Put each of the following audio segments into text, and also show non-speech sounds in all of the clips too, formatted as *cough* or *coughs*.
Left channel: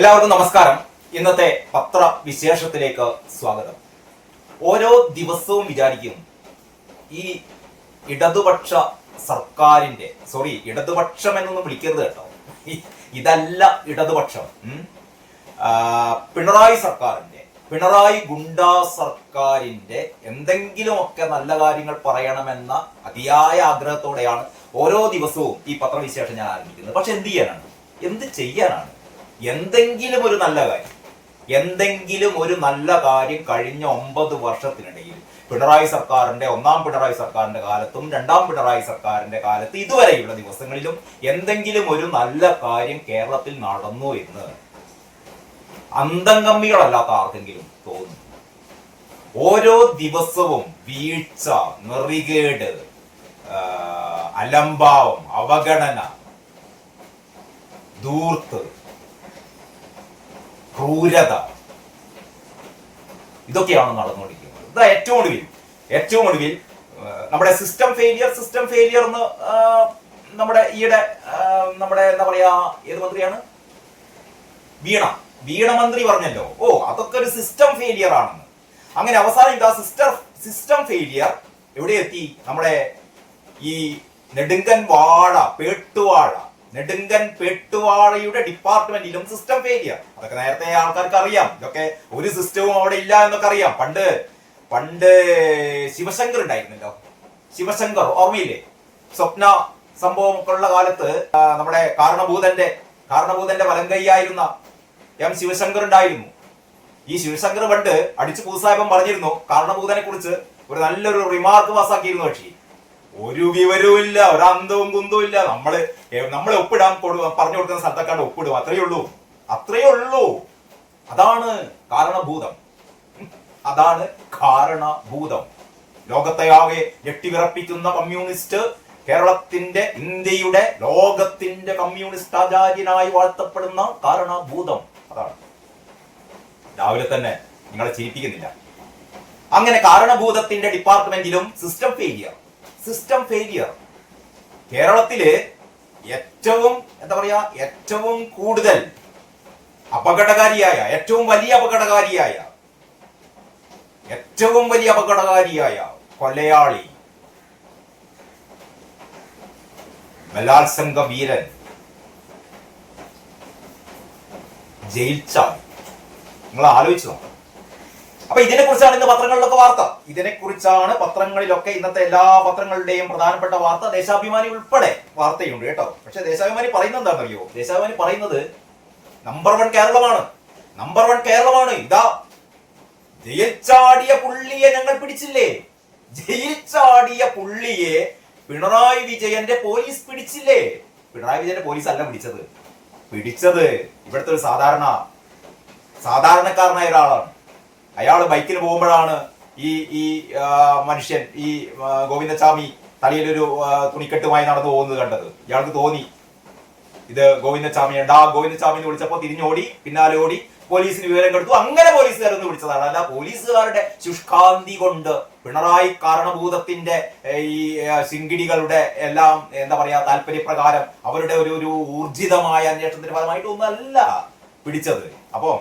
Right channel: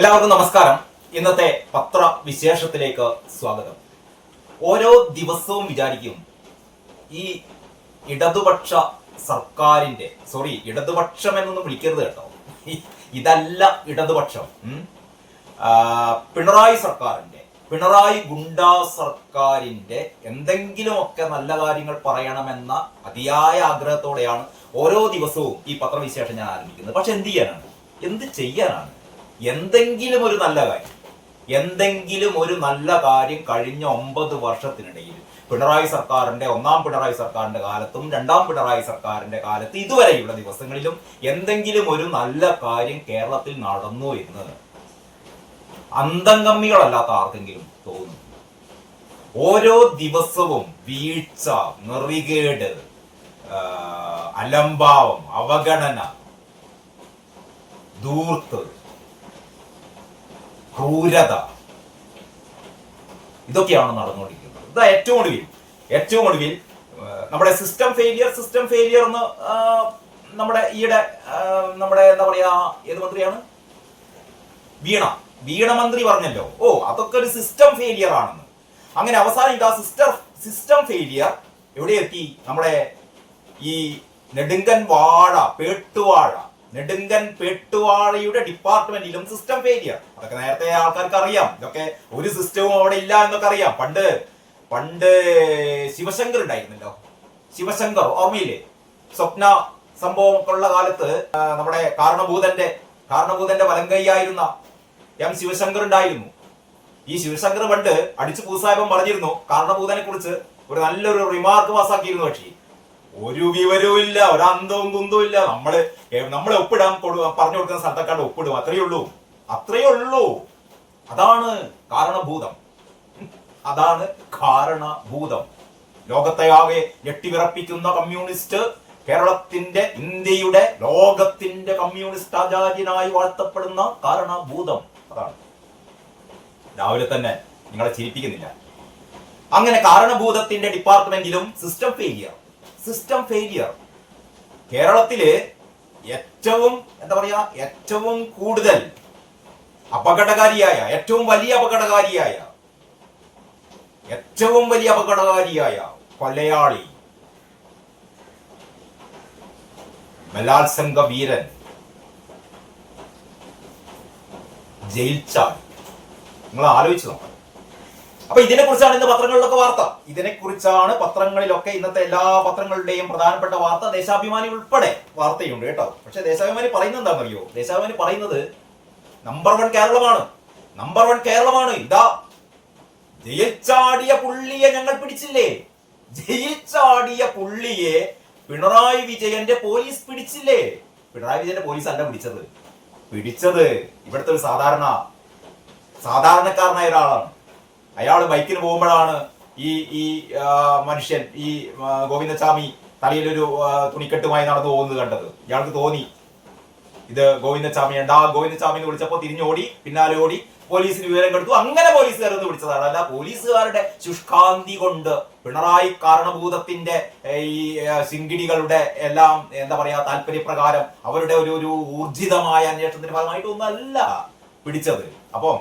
എല്ലാവർക്കും നമസ്കാരം. ഇന്നത്തെ പത്ര വിശേഷത്തിലേക്ക് സ്വാഗതം. ഓരോ ദിവസവും വിചാരിക്കും ഈ ഇടതുപക്ഷ സർക്കാരിന്റെ സോറി ഇടതുപക്ഷം എന്നൊന്നും വിളിക്കരുത് കേട്ടോ. ഇതല്ല ഇടതുപക്ഷം. പിണറായി സർക്കാരിന്റെ പിണറായി ഗുണ്ടാ സർക്കാരിന്റെ എന്തെങ്കിലുമൊക്കെ നല്ല കാര്യങ്ങൾ പറയണമെന്ന അതിയായ ആഗ്രഹത്തോടെയാണ് ഓരോ ദിവസവും ഈ പത്രവിശേഷം ഞാൻ ആരംഭിക്കുന്നത്. പക്ഷെ എന്ത് ചെയ്യാനാണ്? എന്ത് ചെയ്യാനാണ്? എന്തെങ്കിലും ഒരു നല്ല കാര്യം. എന്തെങ്കിലും ഒരു നല്ല കാര്യം കഴിഞ്ഞ ഒമ്പത് വർഷത്തിനിടയിൽ പിണറായി സർക്കാരിന്റെ ഒന്നാം പിണറായി സർക്കാരിന്റെ കാലത്തും രണ്ടാം പിണറായി സർക്കാരിന്റെ കാലത്ത് ഇതുവരെയുള്ള ദിവസങ്ങളിലും എന്തെങ്കിലും ഒരു നല്ല കാര്യം കേരളത്തിൽ നടന്നു എന്ന് അന്തംഗമ്മികളല്ലാത്ത ആർക്കെങ്കിലും തോന്നും ഓരോ ദിവസവും വീഴ്ച നെറികേട് അലംഭാവം അവഗണന ധൂർത്ത് ക്രൂരത. ഇതൊക്കെയാണ് നടന്നുകൊണ്ടിരിക്കുന്നത്. ഇതാ ഏറ്റവും ഒടുവിൽ. ഏറ്റവും ഒടുവിൽ നമ്മുടെ സിസ്റ്റം ഫെയിലിയർ സിസ്റ്റം ഫെയിലിയർ എന്ന് നമ്മുടെ ഈയിടെ നമ്മുടെ എന്താ പറയാ ഏത് മന്ത്രിയാണ്? വീണ. വീണ മന്ത്രി പറഞ്ഞല്ലോ. ഓ അതൊക്കെ ഒരു സിസ്റ്റം ഫെയിലിയർ ആണെന്ന്. അങ്ങനെ അവസാനം ഇതാ സിസ്റ്റർ സിസ്റ്റം ഫെയിലിയർ എവിടെ എത്തി? നമ്മുടെ ഈ നെടുങ്കൻ വാഴ പേട്ടുവാഴ. നെടുങ്കൻ പെട്ടുവാഴയുടെ ഡിപ്പാർട്ട്മെന്റിലും സിസ്റ്റം ഫെയിലിയർ അതൊക്കെ നേരത്തെ ആൾക്കാർക്ക് അറിയാം ഇതൊക്കെ ഒരു സിസ്റ്റവും അവിടെ ഇല്ല എന്നൊക്കെ അറിയാം പണ്ട് പണ്ട് ശിവശങ്കർ ഉണ്ടായിരുന്നല്ലോ. ശിവശങ്കർ ഓർമ്മയില്ലേ? സ്വപ്ന സംഭവം ഒക്കെ ഉള്ള കാലത്ത് നമ്മുടെ കാരണഭൂതന്റെ കാരണഭൂതന്റെ വലങ്കൈയായിരുന്ന എം ശിവശങ്കർ ഉണ്ടായിരുന്നു. ഈ ശിവശങ്കർ പണ്ട് അടിച്ചു പൂസായപ്പം പറഞ്ഞിരുന്നു കാരണഭൂതനെ കുറിച്ച് ഒരു നല്ലൊരു റിമാർക്ക് പാസ്സാക്കിയിരുന്നു പക്ഷേ ഒരു വിവരവും ഇല്ല ഒരു അന്തവും കുന്തവും ഇല്ല. നമ്മൾ നമ്മളെ ഒപ്പിടാൻ പറഞ്ഞു കൊടുക്കുന്ന സ്ഥലത്തൊക്കെ ഒപ്പിടും അത്രയേ ഉള്ളൂ. അത്രയേ ഉള്ളൂ. അതാണ് കാരണഭൂതം. അതാണ് കാരണഭൂതം. ലോകത്തെയാകെ ഞെട്ടിവിറപ്പിക്കുന്ന കമ്മ്യൂണിസ്റ്റ് കേരളത്തിന്റെ ഇന്ത്യയുടെ ലോകത്തിന്റെ കമ്മ്യൂണിസ്റ്റ് ആചാര്യനായി വാഴ്ത്തപ്പെടുന്ന കാരണഭൂതം. അതാണ്. രാവിലെ തന്നെ നിങ്ങളെ ചിരിപ്പിക്കുന്നില്ല. അങ്ങനെ കാരണഭൂതത്തിന്റെ ഡിപ്പാർട്ട്മെന്റിലും സിസ്റ്റം ഫെയിലിയർ സിസ്റ്റം ഫെയിലിയർ കേരളത്തിലെ ഏറ്റവും എന്താ പറയാ ഏറ്റവും കൂടുതൽ അപകടകാരിയായ ഏറ്റവും വലിയ അപകടകാരിയായ ഏറ്റവും വലിയ അപകടകാരിയായ കൊലയാളി ബലാത്സംഗ വീരൻ ജയിൽ ചാടി. നിങ്ങൾ ആലോചിച്ച് നോക്കാം. അപ്പൊ ഇതിനെ കുറിച്ചാണ് ഇന്ന് പത്രങ്ങളിലൊക്കെ വാർത്ത. ഇതിനെ കുറിച്ചാണ് പത്രങ്ങളിലൊക്കെ ഇന്നത്തെ എല്ലാ പത്രങ്ങളുടെയും പ്രധാനപ്പെട്ട വാർത്ത. ദേശാഭിമാനി ഉൾപ്പെടെ വാർത്തയുണ്ട് കേട്ടോ. പക്ഷെ ദേശാഭിമാനി പറയുന്നത് എന്താണെന്നറിയോ ദേശാഭിമാനി പറയുന്നത് നമ്പർ വൺ കേരളമാണ്. നമ്പർ വൺ കേരളമാണ്. ഇതാ ജയിച്ചാടിയ പുള്ളിയെ ഞങ്ങൾ പിടിച്ചില്ലേ? ജയിച്ചാടിയ പുള്ളിയെ പിണറായി വിജയന്റെ പോലീസ് പിടിച്ചില്ലേ? പിണറായി വിജയന്റെ പോലീസ് അല്ല പിടിച്ചത്. പിടിച്ചത് ഇവിടുത്തെ ഒരു സാധാരണ സാധാരണക്കാരനായ ഒരാളാണ്. അയാൾ ബൈക്കിന് പോകുമ്പോഴാണ് ഈ ഈ മനുഷ്യൻ ഈ ഗോവിന്ദസ്വാമി തലയിലൊരു തുണിക്കെട്ടുമായി നടന്നു പോകുന്നത് കണ്ടത്. ഇയാൾക്ക് തോന്നി. ഇത് ഗോവിന്ദസ്വാമിയുണ്ട് ആ ഗോവിന്ദസ്വാമി എന്ന് വിളിച്ചപ്പോൾ തിരിഞ്ഞോടി പിന്നാലെ ഓടി പോലീസിന് വിവരം കൊടുത്തു. അങ്ങനെ പോലീസുകാരൊന്ന് വിളിച്ചതാണ്. അല്ല പോലീസുകാരുടെ ശുഷ്കാന്തി കൊണ്ട് പിണറായി കാരണഭൂതത്തിന്റെ ഈ ശിങ്കിടികളുടെ എല്ലാം എന്താ പറയാ താല്പര്യപ്രകാരം അവരുടെ ഒരു ഒരു ഊർജിതമായ അന്വേഷണത്തിന്റെ ഭാഗമായിട്ടൊന്നും അല്ല പിടിച്ചത്. അപ്പം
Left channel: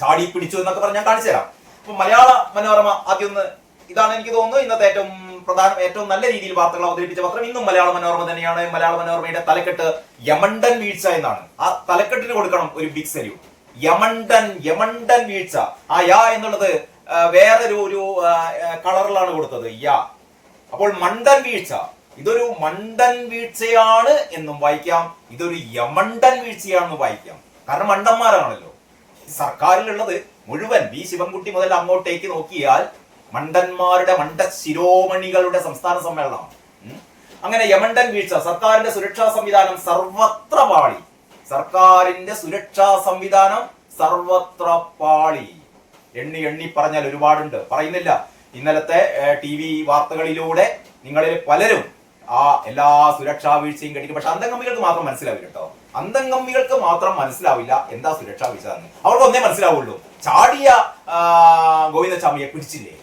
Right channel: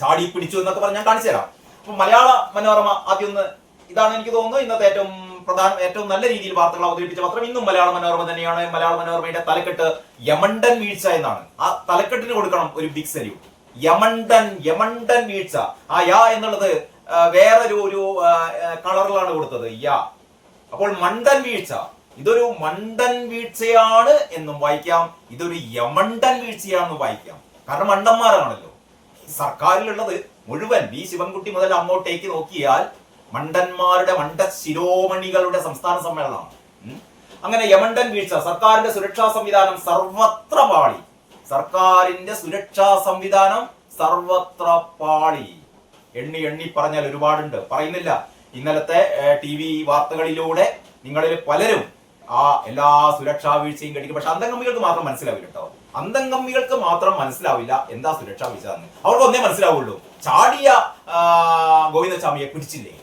ചാടി പിടിച്ചു എന്നൊക്കെ പറഞ്ഞ് ഞാൻ കാണിച്ചു തരാം. അപ്പൊ മലയാള മനോരമ ആദ്യം ഒന്ന് ഇതാണ് എനിക്ക് തോന്നുന്നത്. ഇന്നത്തെ ഏറ്റവും പ്രധാന ഏറ്റവും നല്ല രീതിയിൽ വാർത്തകൾ അവതരിപ്പിച്ച പത്രം ഇന്നും മലയാള മനോരമ തന്നെയാണ്. മലയാള മനോരമയുടെ തലക്കെട്ട് യമണ്ടൻ വീഴ്ച എന്നാണ്. ആ തലക്കെട്ടിന് കൊടുക്കണം ഒരു ബിഗ് സല്യൂട്ട് യമണ്ടൻ യമണ്ടൻ വീഴ്ച. ആ യാ എന്നുള്ളത് വേറൊരു ഒരു കളറിലാണ് കൊടുത്തത്. യാ. അപ്പോൾ മണ്ടൻ വീഴ്ച. ഇതൊരു മണ്ടൻ വീഴ്ചയാണ് എന്നും വായിക്കാം. ഇതൊരു യമണ്ടൻ വീഴ്ചയാണെന്നും വായിക്കാം. കാരണം മണ്ടന്മാരാണല്ലോ. സർക്കാരിലുള്ളത് മുഴുവൻ വി ശിവൻകുട്ടി മുതൽ അങ്ങോട്ടേക്ക് നോക്കിയാൽ മണ്ടന്മാരുടെ മണ്ട ശിരോമണികളുടെ സംസ്ഥാന സമ്മേളനമാണ്. അങ്ങനെ യമണ്ടൻ വീഴ്ച സർക്കാരിന്റെ സുരക്ഷാ സംവിധാനം സർവത്ര പാളി. സർക്കാരിന്റെ സുരക്ഷാ സംവിധാനം സർവത്ര പാളി. എണ്ണി എണ്ണി പറഞ്ഞാൽ ഒരുപാടുണ്ട്. പറയുന്നില്ല. ഇന്നലത്തെ ടി വി വാർത്തകളിലൂടെ നിങ്ങളിൽ പലരും ആ എല്ലാ സുരക്ഷാ വീഴ്ചയും കണ്ടിക്കും പക്ഷെ അന്തംഗമ്മികൾക്ക് മാത്രം മനസ്സിലാവില്ല കേട്ടോ. അന്തംഗമ്മികൾക്ക് മാത്രം മനസ്സിലാവില്ല എന്താ സുരക്ഷാ വീഴ്ച എന്ന് അവർക്ക് ഒന്നേ മനസ്സിലാവുള്ളൂ. ചാടിയ ഗോവിന്ദസ്വാമിയെ പിടിച്ചില്ലേ?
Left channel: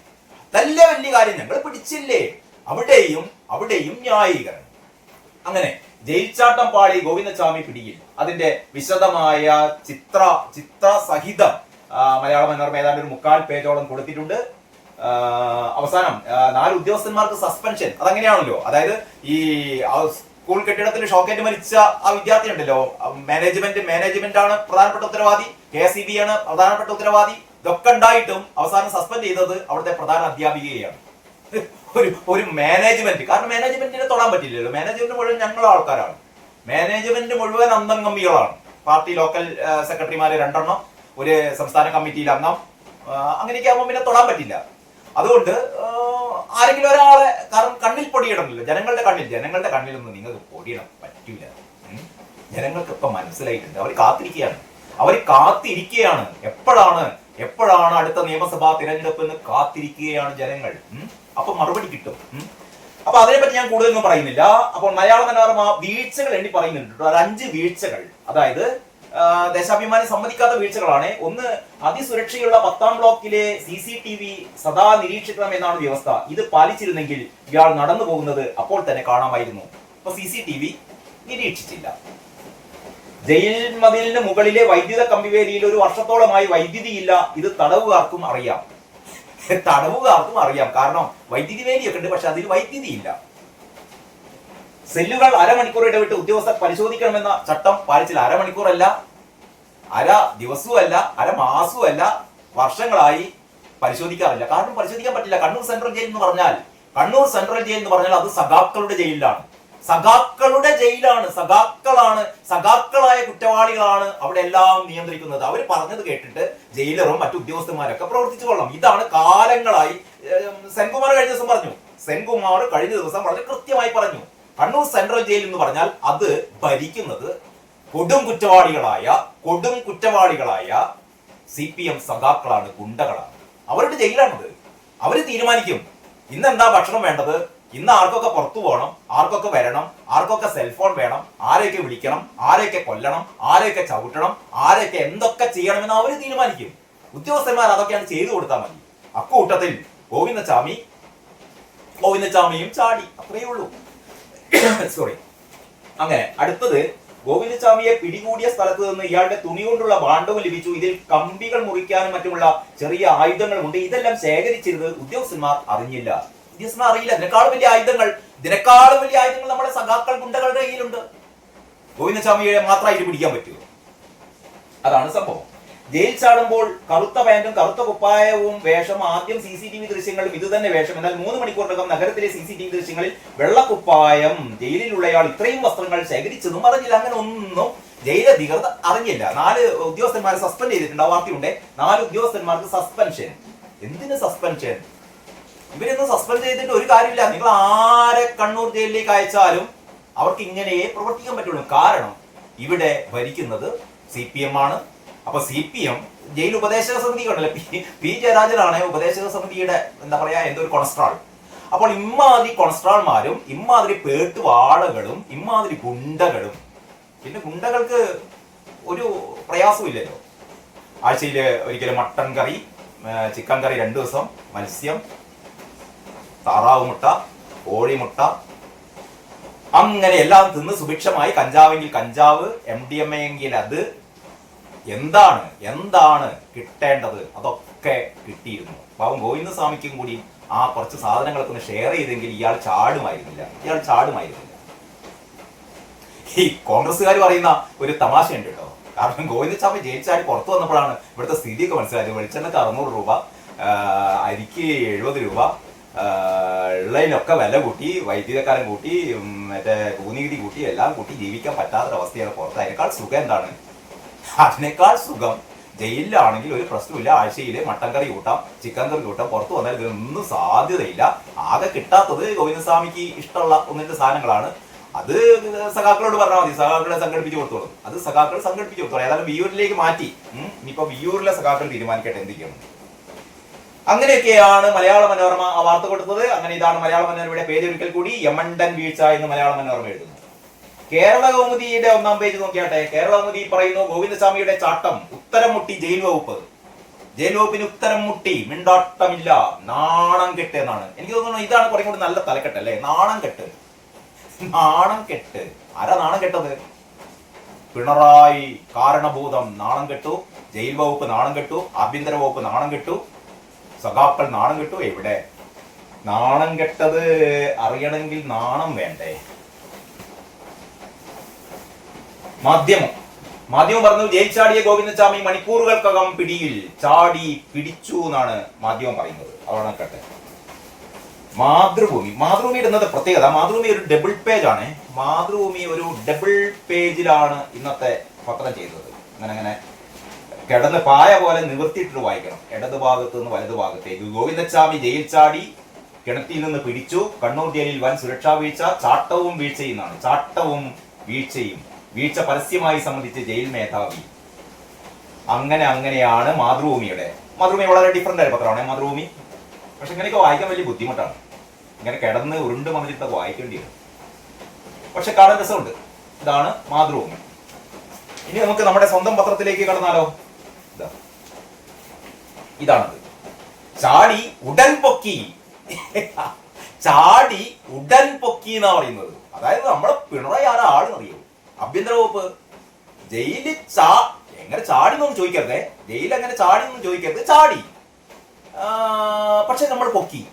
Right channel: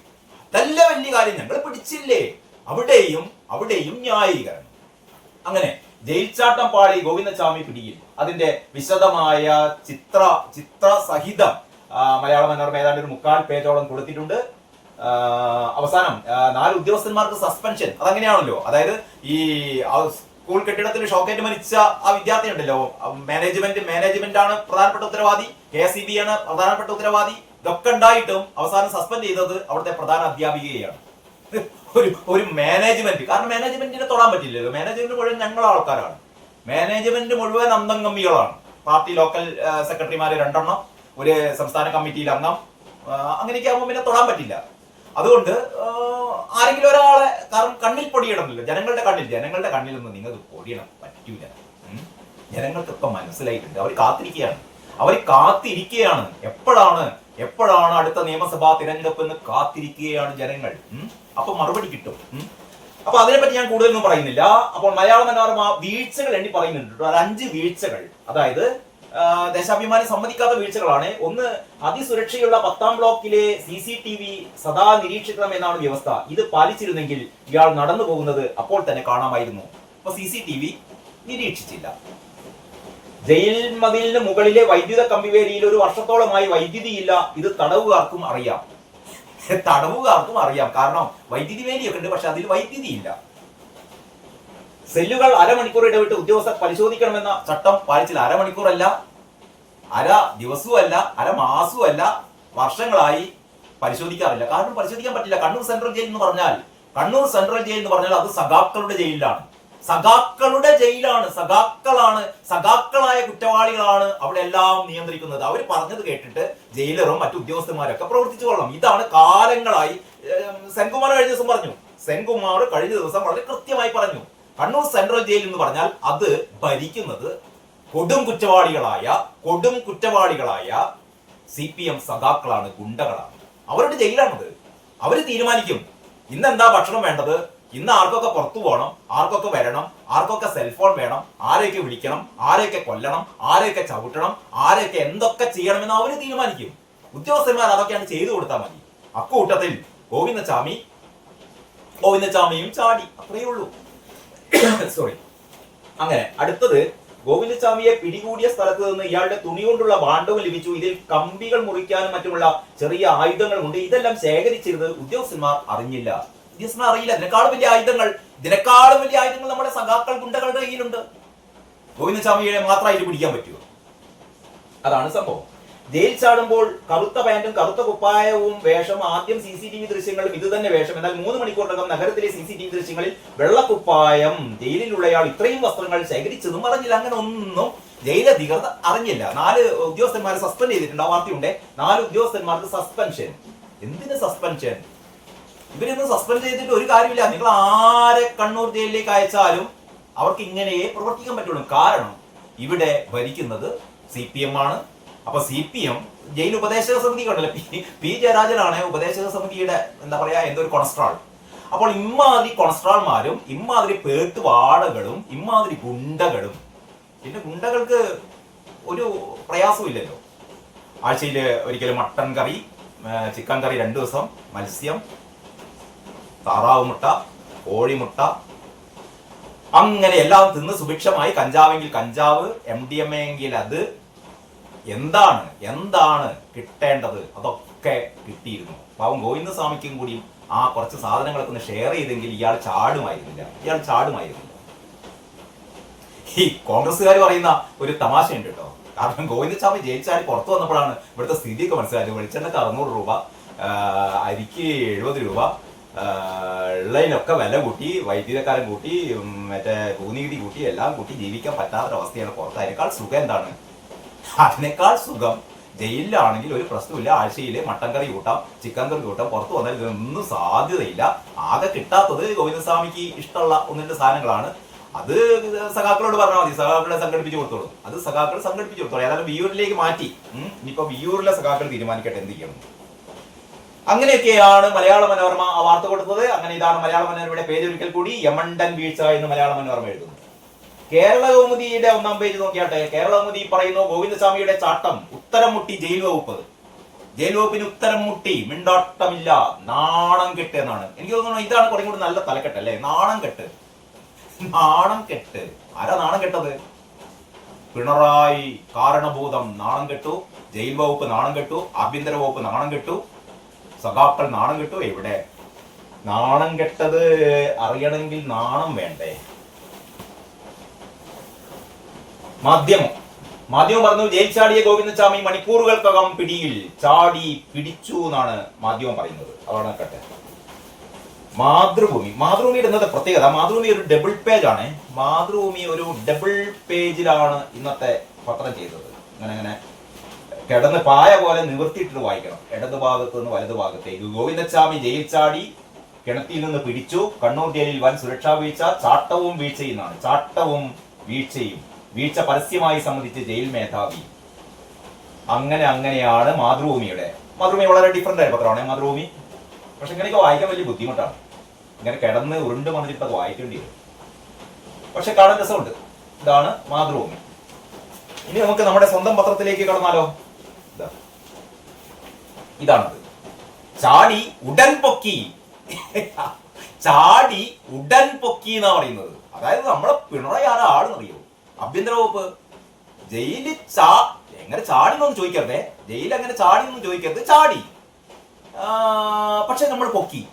നല്ല വലിയ കാര്യം ഞങ്ങൾ പിടിച്ചില്ലേ? അവിടെയും അവിടെയും ന്യായീകരണം. അങ്ങനെ ജയിൽച്ചാട്ടം പാളി ഗോവിന്ദസ്വാമി പിടിയിൽ. അതിന്റെ വിശദമായ ചിത്ര ചിത്ര സഹിതം മലയാള മനോരമ ഏതാണ്ട് ഒരു മുക്കാൽ പേജോളം കൊടുത്തിട്ടുണ്ട്. അവസാനം നാല് ഉദ്യോഗസ്ഥന്മാർക്ക് സസ്പെൻഷൻ അതങ്ങനെയാണല്ലോ. അതായത് ഈ സ്കൂൾ കെട്ടിടത്തിൽ ഷോക്കേറ്റ് മരിച്ച ആ വിദ്യാർത്ഥി ഉണ്ടല്ലോ. മാനേജ്മെന്റ് മാനേജ്മെന്റ് ആണ് പ്രധാനപ്പെട്ട ഉത്തരവാദി. കെ എസ് ആണ് പ്രധാനപ്പെട്ട ഉത്തരവാദി. ഇതൊക്കെ ഉണ്ടായിട്ടും അവസാനം സസ്പെൻഡ് ചെയ്തത് അവിടുത്തെ പ്രധാന അധ്യാപികയാണ് *laughs* ഒരു ഒരു മാനേജ്മെന്റ് കാരണം മാനേജ്മെന്റിനെ തൊടാൻ പറ്റില്ലല്ലോ. മാനേജ്മെന്റ് മുഴുവൻ ഞങ്ങളെ ആൾക്കാരാണ്. മാനേജ്മെന്റ് മുഴുവൻ അന്തംഗമ്മികളാണ് പാർട്ടി ലോക്കൽ സെക്രട്ടറിമാര് രണ്ടെണ്ണം. ഒരു സംസ്ഥാന കമ്മിറ്റിയിൽ അംഗം. അങ്ങനെയൊക്കെ ആകുമ്പോൾ പിന്നെ തൊടാൻ പറ്റില്ല. അതുകൊണ്ട് ആരെങ്കിലും ഒരാളെ കാരണം കണ്ണിൽ പൊടിയിടണമല്ലോ. ജനങ്ങളുടെ കണ്ണിൽ ജനങ്ങളുടെ കണ്ണിൽ നിന്ന് നിങ്ങൾക്ക് പൊടിയിടാൻ പറ്റൂല. ജനങ്ങൾക്ക് ജനങ്ങൾക്കൊക്കെ മനസ്സിലായിട്ടുണ്ട്. അവർ കാത്തിരിക്കുകയാണ്. അവർ കാത്തിരിക്കുകയാണ്. എപ്പോഴാണ് എപ്പോഴാണ് അടുത്ത നിയമസഭാ തിരഞ്ഞെടുപ്പ് എന്ന് കാത്തിരിക്കുകയാണ് ജനങ്ങൾ. അപ്പൊ മറുപടി കിട്ടും. അപ്പൊ അതിനെപ്പറ്റി ഞാൻ കൂടുതലൊന്നും പറയുന്നില്ല. അപ്പോൾ മലയാള മനോരമ വീഴ്ചകൾ എണ്ണി പറയുന്നുണ്ട്. ഒരു അഞ്ച് വീഴ്ചകൾ. അതായത് ദേശാഭിമാനി സമ്മതിക്കാത്ത വീഴ്ചകളാണ്. ഒന്ന് അതിസുരക്ഷയുള്ള പത്താം ബ്ലോക്കിലെ സി സി ടി വി സദാ നിരീക്ഷിക്കണം എന്നാണ് വ്യവസ്ഥ. ഇത് പാലിച്ചിരുന്നെങ്കിൽ ഇയാൾ നടന്നു പോകുന്നത് അപ്പോൾ തന്നെ കാണാമായിരുന്നു. അപ്പൊ സി സി ടി വി നിരീക്ഷിച്ചില്ല. ജയിൽ മതിലിന് മുകളിലെ വൈദ്യുത കമ്പിവേലിയിൽ ഒരു വർഷത്തോളമായി വൈദ്യുതി ഇല്ല. ഇത് തടവുകാർക്കും അറിയാം. തടവുകാർക്കും അറിയാം. കാരണം വൈദ്യുതി വേലിയൊക്കെ ഉണ്ട് പക്ഷെ അതിൽ വൈദ്യുതി ഇല്ല. സെല്ലുകൾ അരമണിക്കൂർ ഇടവിട്ട് ഉദ്യോഗസ്ഥർ പരിശോധിക്കണമെന്ന ചട്ടം പാലിച്ചില്ല. അരമണിക്കൂറല്ല അര ദിവസവുമല്ല അര മാസവുമല്ല വർഷങ്ങളായി പരിശോധിക്കാറില്ല. കാരണം പരിശോധിക്കാൻ പറ്റില്ല. കണ്ണൂർ സെൻട്രൽ ജയിൽ എന്ന് പറഞ്ഞാൽ കണ്ണൂർ സെൻട്രൽ ജയിൽ എന്ന് പറഞ്ഞാൽ അത് സഖാക്കളുടെ ജയിലിലാണ്. സഖാക്കളുടെ ജയിലാണ്. സഖാക്കളാണ് സഖാക്കളായ കുറ്റവാളികളാണ് അവിടെ എല്ലാം നിയന്ത്രിക്കുന്നത്. അവർ പറഞ്ഞത് കേട്ടിട്ട് ജയിലറും മറ്റു ഉദ്യോഗസ്ഥന്മാരൊക്കെ പ്രവർത്തിച്ചു കൊള്ളണം. ഇതാണ് കാലങ്ങളായി സെൻകുമാർ കഴിഞ്ഞ ദിവസം പറഞ്ഞു. സെൻകുമാർ കഴിഞ്ഞ ദിവസം വളരെ കൃത്യമായി പറഞ്ഞു. കണ്ണൂർ സെൻട്രൽ ജയിൽ എന്ന് പറഞ്ഞാൽ അത് ഭരിക്കുന്നത് കൊടും കുറ്റവാളികളായ കൊടും കുറ്റവാളികളായ സി പി എം സഖാക്കളാണ് ഗുണ്ടകളാണ്. അവരുടെ ജയിലാണത്. അവർ തീരുമാനിക്കും. ഇന്ന് എന്താ ഭക്ഷണം വേണ്ടത്? ഇന്ന് ആർക്കൊക്കെ പുറത്തു പോകണം? ആർക്കൊക്കെ വരണം? ആർക്കൊക്കെ സെൽഫോൺ വേണം? ആരെയൊക്കെ വിളിക്കണം? ആരെയൊക്കെ കൊല്ലണം? ആരെയൊക്കെ ചവിട്ടണം? ആരെയൊക്കെ എന്തൊക്കെ ചെയ്യണമെന്ന് അവർ തീരുമാനിക്കും. ഉദ്യോഗസ്ഥന്മാർ അതൊക്കെയാണ് ചെയ്തു കൊടുത്താൽ മതി. അക്കൂട്ടത്തിൽ ഗോവിന്ദസ്വാമി ഗോവിന്ദസ്വാമിയും ചാടി. അത്രയേ ഉള്ളൂ. *coughs* സോറി അങ്ങനെ അടുത്തത് ഗോവിന്ദസ്വാമിയെ പിടികൂടിയ സ്ഥലത്ത് നിന്ന് ഇയാളുടെ തുണി കൊണ്ടുള്ള ഭാണ്ഡവും ലഭിച്ചു. ഇതിൽ കമ്പികൾ മുറിക്കാനും മറ്റുമുള്ള ചെറിയ ആയുധങ്ങളുമുണ്ട്. ഇതെല്ലാം ശേഖരിച്ചിരുന്നത് ഉദ്യോഗസ്ഥന്മാർ അറിഞ്ഞില്ല. ഉദ്യോഗസ്ഥന്മാർ അറിയില്ല. ഇതിനേക്കാളും വലിയ ആയുധങ്ങൾ. ഇതിനേക്കാളും വലിയ ആയുധങ്ങൾ നമ്മുടെ സഖാക്കൾ ഗുണ്ടകളുടെ കയ്യിലുണ്ട്. ഗോവിന്ദസ്വാമിയെ മാത്രമായിട്ട് പിടിക്കാൻ പറ്റുമോ അതാണ് സംഭവം. ജയിൽ ചാടുമ്പോൾ കറുത്ത പാന്റും കറുത്ത കുപ്പായവും വേഷം ആദ്യം സി സി ടി വി ദൃശ്യങ്ങളും ഇത് തന്നെ വേഷം. എന്നാൽ മൂന്ന് മണിക്കൂറിനകം നഗരത്തിലെ സി സി ടി വി ദൃശ്യങ്ങളിൽ വെള്ളക്കുപ്പായം ജയിലിലുള്ളയാൾ ഇത്രയും വസ്ത്രങ്ങൾ ശേഖരിച്ചതും അറിഞ്ഞില്ല. അങ്ങനെ ഒന്നും ജയിലധികൃതർ അറിഞ്ഞില്ല. നാല് ഉദ്യോഗസ്ഥന്മാരെ സസ്പെൻഡ് ചെയ്തിട്ടുണ്ട്. ആ വാർത്തയുണ്ട്. നാല് ഉദ്യോഗസ്ഥന്മാർക്ക് സസ്പെൻഷൻ. എന്തിന് സസ്പെൻഷൻ? ഇവരൊന്നും സസ്പെൻഡ് ചെയ്തിട്ട് ഒരു കാര്യമില്ല. നിങ്ങൾ ആരെ കണ്ണൂർ ജയിലിലേക്ക് അയച്ചാലും അവർക്ക് ഇങ്ങനെയേ പ്രവർത്തിക്കാൻ പറ്റുള്ളൂ. കാരണം ഇവിടെ ഭരിക്കുന്നത് സി പി എം ആണ്. അപ്പൊ സി പി എം ജയിൽ ഉപദേശക സമിതി ഉണ്ടല്ലോ പി പി ജയരാജനാണ് ഉപദേശക സമിതിയുടെ എന്താ പറയാ എന്തോ ഒരു കൊളസ്ട്രോൾ. അപ്പോൾ ഇമ്മാതിരി കൊളസ്ട്രോൾമാരും ഇമ്മാതിരി പേട്ടുവാടകളും ഇമ്മാതിരി ഗുണ്ടകളും പിന്നെ ഗുണ്ടകൾക്ക് ഒരു പ്രയാസവും ഇല്ലല്ലോ ആഴ്ചയിൽ ഒരിക്കലും മട്ടൺ കറി ചിക്കൻ കറി രണ്ടു ദിവസം മത്സ്യം താറാവ് മുട്ട കോഴിമുട്ട അങ്ങനെ എല്ലാം തിന്ന് സുഭിക്ഷമായി കഞ്ചാവെങ്കിൽ കഞ്ചാവ് എം ഡി എം എ എങ്കിൽ അത് എന്താണ് എന്താണ് കിട്ടേണ്ടത്? അതൊക്കെ കിട്ടിയിരുന്നു. പാവം ഗോവിന്ദസ്വാമിക്കും കൂടിയും ആ കുറച്ച് സാധനങ്ങളൊക്കെ ഒന്ന് ഷെയർ ചെയ്തെങ്കിൽ ഇയാൾ ചാടുമായിരുന്നില്ല. ഇയാൾ ചാടുമായിരുന്നില്ല. ഈ കോൺഗ്രസ്സുകാർ പറയുന്ന ഒരു തമാശ ഉണ്ട് കേട്ടോ. കാരണം ഗോവിന്ദസ്വാമി ജയിച്ചാൽ പുറത്തു വന്നപ്പോഴാണ് ഇവിടുത്തെ സ്ഥിതിയൊക്കെ മനസ്സിലായത്. വെളിച്ചെണ്ണക്ക് അറുന്നൂറ് രൂപ അരിക്ക് എഴുപത് രൂപ ഉള്ളതിനൊക്കെ വില കൂട്ടി വൈദ്യുതക്കാരൻ കൂട്ടി മറ്റേ ഭൂനികുതി കൂട്ടി എല്ലാം കൂട്ടി ജീവിക്കാൻ പറ്റാത്തൊരവസ്ഥയാണ് പുറത്ത് സുഖം എന്താണ്? അതിനേക്കാൾ സുഖം. ജയിലിലാണെങ്കിൽ ഒരു പ്രശ്നമില്ല ആഴ്ചയിൽ മട്ടൻ കറി കൂട്ടാം ചിക്കൻ കറി കൂട്ടാം പുറത്തു വന്നാൽ ഇതൊന്നും സാധ്യതയില്ല. ആകെ കിട്ടാത്തത് ഗോവിന്ദസ്വാമിക്ക് ഇഷ്ടമുള്ള ഒന്നിന്റെ സാധനങ്ങളാണ്. അത് സഖാക്കളോട് പറഞ്ഞാൽ മതി. സഖാക്കളെ സംഘടിപ്പിച്ച് കൊടുത്തോളും. അത് സഖാക്കൾ സംഘടിപ്പിച്ച് കൊടുത്തോളും. ഏതായാലും വിയൂരിലേക്ക് മാറ്റി. ഇനിയിപ്പോ വിയൂരിലെ സഖാക്കൾ തീരുമാനിക്കട്ടെ. എന്ത് ചെയ്യണം? അങ്ങനെയൊക്കെയാണ് മലയാള മനോരമ ആ വാർത്ത കൊടുത്തത്. അങ്ങനെ ഇതാണ് മലയാള മനോരമയുടെ പേര് ഒരിക്കൽ കൂടി യമണ്ടൻ വീഴ്ച എന്ന് മലയാള മനോരമ എഴുതുന്നു. കേരള കൗമുദിയുടെ ഒന്നാം പേജ് നോക്കിയാട്ടെ. കേരള കൗമുദി പറയുന്നു ഗോവിന്ദസ്വാമിയുടെ ചാട്ടം ഉത്തരം മുട്ടി ജയിൽ വകുപ്പ്. ജയിൽ വകുപ്പിന് ഉത്തരം മുട്ടി മിണ്ടാട്ടമില്ല നാണം കെട്ട് എന്നാണ്. എനിക്ക് തോന്നുന്നു ഇതാണ് കുറേ കൂടി നല്ല തലക്കെട്ട് അല്ലേ? നാണം കെട്ട്. നാണം കെട്ട്. ആരാ നാണം കെട്ടത്? പിണറായി കാരണഭൂതം നാണം കെട്ടു ജയിൽ വകുപ്പ് നാണം കെട്ടു ആഭ്യന്തര വകുപ്പ് നാണം കെട്ടു സഖാക്കൾ നാണം കെട്ടു. എവിടെ? നാണം കെട്ടത് അറിയണമെങ്കിൽ നാണം വേണ്ടേ? മാധ്യമം. മാധ്യമം പറഞ്ഞു ജയിച്ചാടിയ ചാടിയ ഗോവിന്ദസ്വാമി മണിക്കൂറുകൾക്കകം പിടിയിൽ ചാടി പിടിച്ചു എന്നാണ് മാധ്യമം പറയുന്നത്. അതാണ് കട്ടെ മാതൃഭൂമി. മാതൃഭൂമിയുടെ ഇന്നത്തെ പ്രത്യേകത. മാതൃഭൂമി ഒരു ഡബിൾ പേജ് ആണ്. മാതൃഭൂമി ഒരു ഡബിൾ പേജിലാണ് ഇന്നത്തെ പത്രം ചെയ്തത്. അങ്ങനെ അങ്ങനെ കിടന്ന് പായ പോലെ നിവർത്തിയിട്ടിട്ട് വായിക്കണം. ഇടത് ഭാഗത്ത് നിന്ന് വലതു ഭാഗത്തേക്ക് ഗോവിന്ദസ്വാമി ജയിൽ ചാടി കിണറ്റിൽ നിന്ന് പിടിച്ചു. കണ്ണൂർ ജയിലിൽ വൻ സുരക്ഷാ വീഴ്ച ചാട്ടവും വീഴ്ചയും എന്നാണ്. ചാട്ടവും വീഴ്ചയും. വീഴ്ച പരസ്യമായി സംബന്ധിച്ച് ജയിൽ മേധാവി. അങ്ങനെ അങ്ങനെയാണ് മാതൃഭൂമിയുടെ. മാതൃഭൂമി വളരെ ഡിഫറെന്റ് ആയ പത്രമാണ്. മാതൃഭൂമി. പക്ഷെ ഇങ്ങനെയൊക്കെ വായിക്കാൻ വലിയ ബുദ്ധിമുട്ടാണ്. ഇങ്ങനെ കിടന്ന് ഉരുണ്ട് മറിഞ്ഞിട്ട് വായിക്കേണ്ടി വരും. പക്ഷെ കാണാൻ രസമുണ്ട്. ഇതാണ് മാതൃഭൂമി. ഇനി നമുക്ക് നമ്മുടെ സ്വന്തം പത്രത്തിലേക്ക് കടന്നാലോ? ഇതാ. ഇതാണത്. ചാടി ഉടൻ പൊക്കി. *laughs* ചാടി ഉടൻ പൊക്കി എന്നാ പറയുന്നത്. അതായത് നമ്മളെ പിണറായി ആരാ ആളെന്നറിയോ ആഭ്യന്തര വകുപ്പ്. ജയിലിൽ ചാ എങ്ങനെ ചാടി എന്നൊന്നും ചോദിക്കരുതേ. ജയിലിൽ അങ്ങനെ ചാടി എന്നൊന്നും ചോദിക്കരുത്. ചാടി. പക്ഷെ നമ്മൾ പൊക്കി.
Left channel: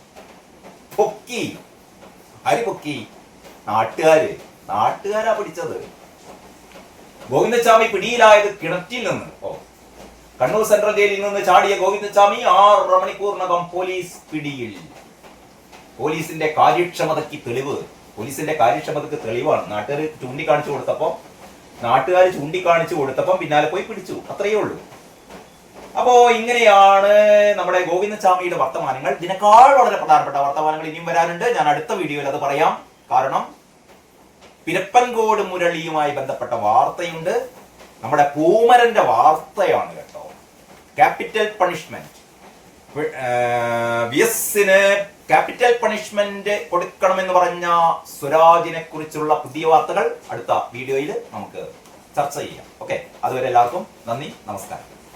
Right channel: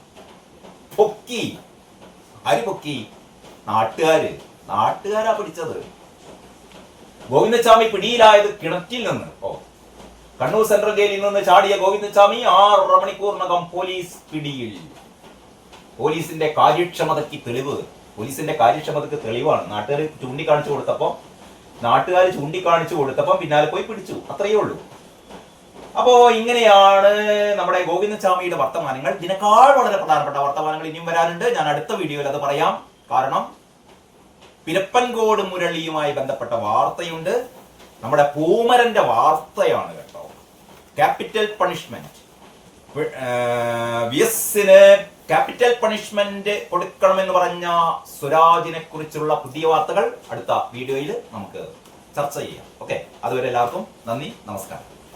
പൊക്കി. ആര് പൊക്കി? നാട്ടുകാര്. നാട്ടുകാരാ പിടിച്ചത്. ഗോവിന്ദസ്വാമി പിടിയിലായത് കിണറ്റിൽ നിന്ന്. ഓ. കണ്ണൂർ സെൻട്രൽ ജയിലിൽ നിന്ന് ചാടിയ ഗോവിന്ദസ്വാമി ആറര മണിക്കൂറിനകം പോലീസ് പിടിയിൽ. പോലീസിന്റെ കാര്യക്ഷമതയ്ക്ക് തെളിവ്. പോലീസിന്റെ കാര്യക്ഷമതക്ക് തെളിവാണ്. നാട്ടുകാർ ചൂണ്ടിക്കാണിച്ചു കൊടുത്തപ്പോ നാട്ടുകാർ ചൂണ്ടിക്കാണിച്ചു കൊടുത്തപ്പം പിന്നാലെ പോയി പിടിച്ചു. അത്രയേ ഉള്ളൂ. അപ്പോ ഇങ്ങനെയാണ് നമ്മുടെ ഗോവിന്ദസ്വാമിയുടെ വർത്തമാനങ്ങൾ. ഇതിനേക്കാൾ വളരെ പ്രധാനപ്പെട്ട വർത്തമാനങ്ങൾ ഇനിയും വരാനുണ്ട്. ഞാൻ അടുത്ത വീഡിയോയിൽ അത് പറയാം. കാരണം പിരപ്പൻകോട് മുരളിയുമായി ബന്ധപ്പെട്ട വാർത്തയുണ്ട്. നമ്മുടെ പൂമരന്റെ വാർത്തയാണ് കേട്ടോ. Capital punishment V capital punishment കൊടുക്കണമെന്ന് പറഞ്ഞ സ്വരാജിനെ കുറിച്ചുള്ള പുതിയ വാർത്തകൾ അടുത്ത വീഡിയോയിൽ നമുക്ക് ചർച്ച ചെയ്യാം. ഓക്കെ അതുവരെ എല്ലാവർക്കും നന്ദി നമസ്കാരം.